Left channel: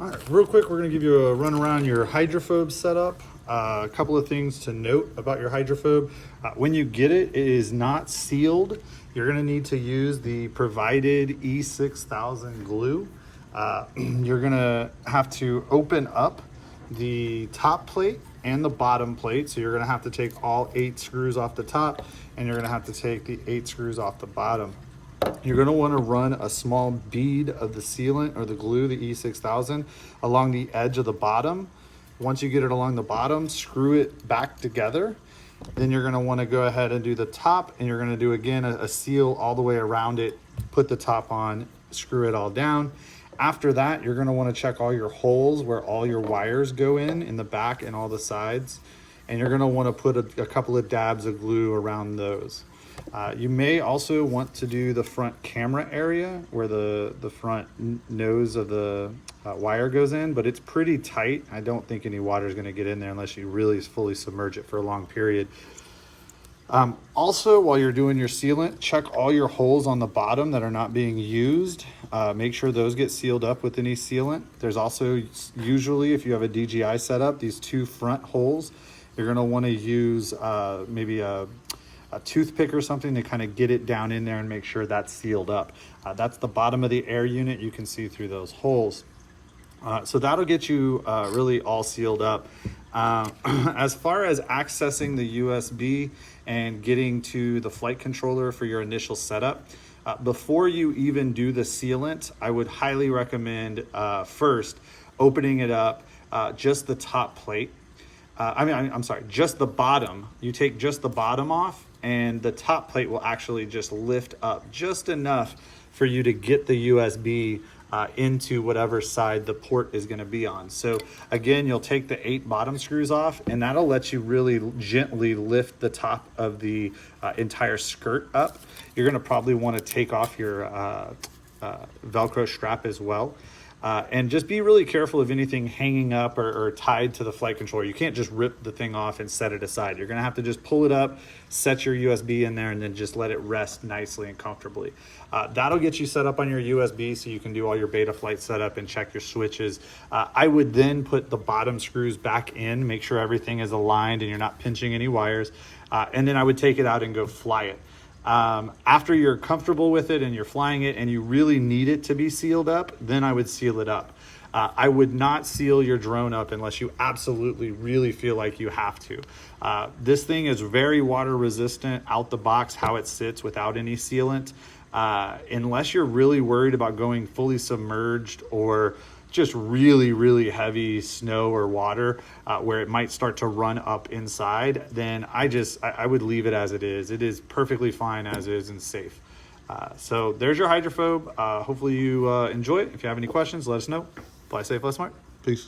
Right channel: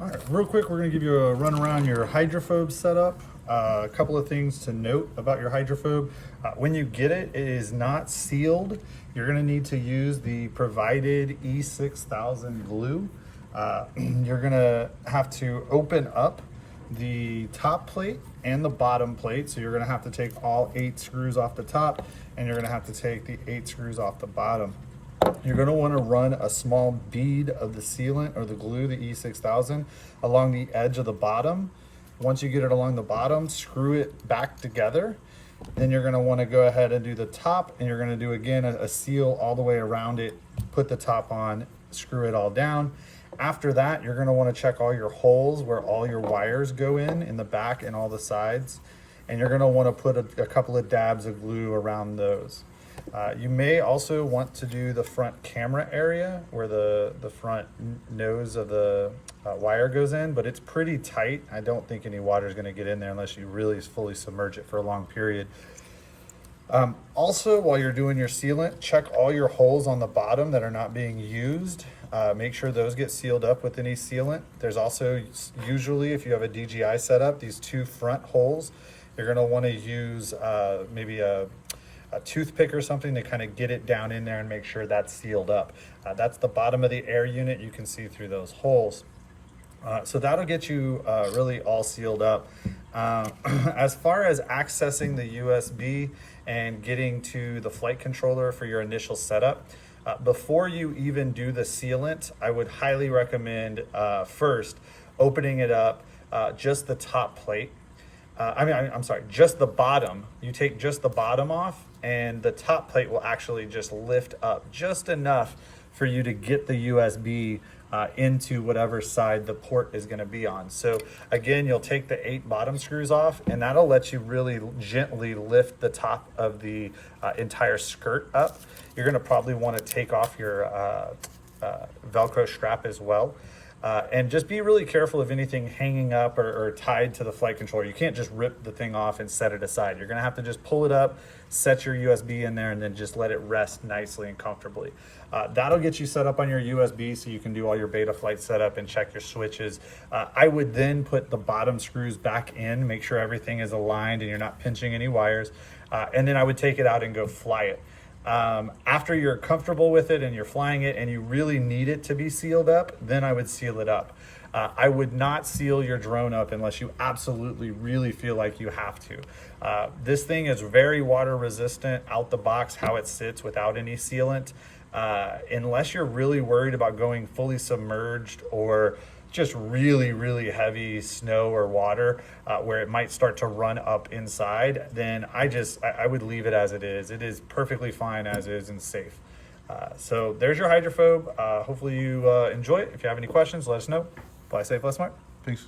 All right, real quick, we're gonna give you a run around your hydrophobe setup. A couple of things to note about your hydrophobe. When you get it, it is not sealed. You're gonna need to use the provided E6000 glue. You're gonna have to open up the top plate and the bottom plate. So you're gonna have to take all 8 screws off the top, and you're gonna have to take the 8 screws off the bottom. You're going to want to run a small bead of the sealant or the glue, the E6000, along the edge of the bottom. Once you get it along the bottom, screw it back together. Then you're going to want to go ahead and do the top, and you're going to do again a seal all the way around it, put the top on, screw it all down. After that, you're going to want to check all your holes where all your wires go in the back and all the sides. And you're going to want to put a couple of dabs of glue around those. You may also want to do the front camera area where the front nose of the wire goes in, but it's pretty tight. I don't think any water is going to get in there unless you really fully submerge it for a long period. Also, while you're doing your sealant, check all your holes on the bottom that are not being used. Make sure those get sealed up with any sealant. There's also usually, if you have a DGI setup, these 2 front holes. You're going to want to use maybe a toothpick or something to kind of get it down in there and make sure that's sealed up. That's the bottom of the air unit. You can see through those holes. So that'll get you really all sealed up. As far as accessing the USB and getting to the flight controller for your initial setup, before you even do the sealant, I would highly recommend first opening it up, just the top plate. I'm sorry, just the bottom. You take just the bottom off, and the top plate will actually just lift up just enough for you to get the USB into whatever side the port is going to be on. So again, you'll take the 8 bottom screws off, and that'll let you really gently lift the top of the entire skirt up. You're going to probably want to take off your Velcro strap as well. And just be really careful of anything hanging up or tied to the flight controller. You can't just rip the thing off and set it aside. You're gonna have to just pull it up, set your USB in there, and then just let it rest nicely and comfortably. That'll get you set up on your USB so you can do all your beta flight setup and check your switches. I would then put the bottom screws back in, make sure everything is aligned and you're not pinching any wires. And then I would take it out and go fly it. After you're comfortable with it and you're flying it and you really need it to be sealed up, then I would seal it up. I would not seal your drone up unless you absolutely really feel like you have to. This thing is very water resistant out the box, how it sits without any sealant. Unless you're really worried about going fully submerged or just really, really heavy snow or water where it might start to run up inside, then I would leave it as it is. It is perfectly fine as is and safe. So there's your hydrophobe. Hopefully you enjoy it. If you have any questions, let us know. Fly safe, fly smart. Peace.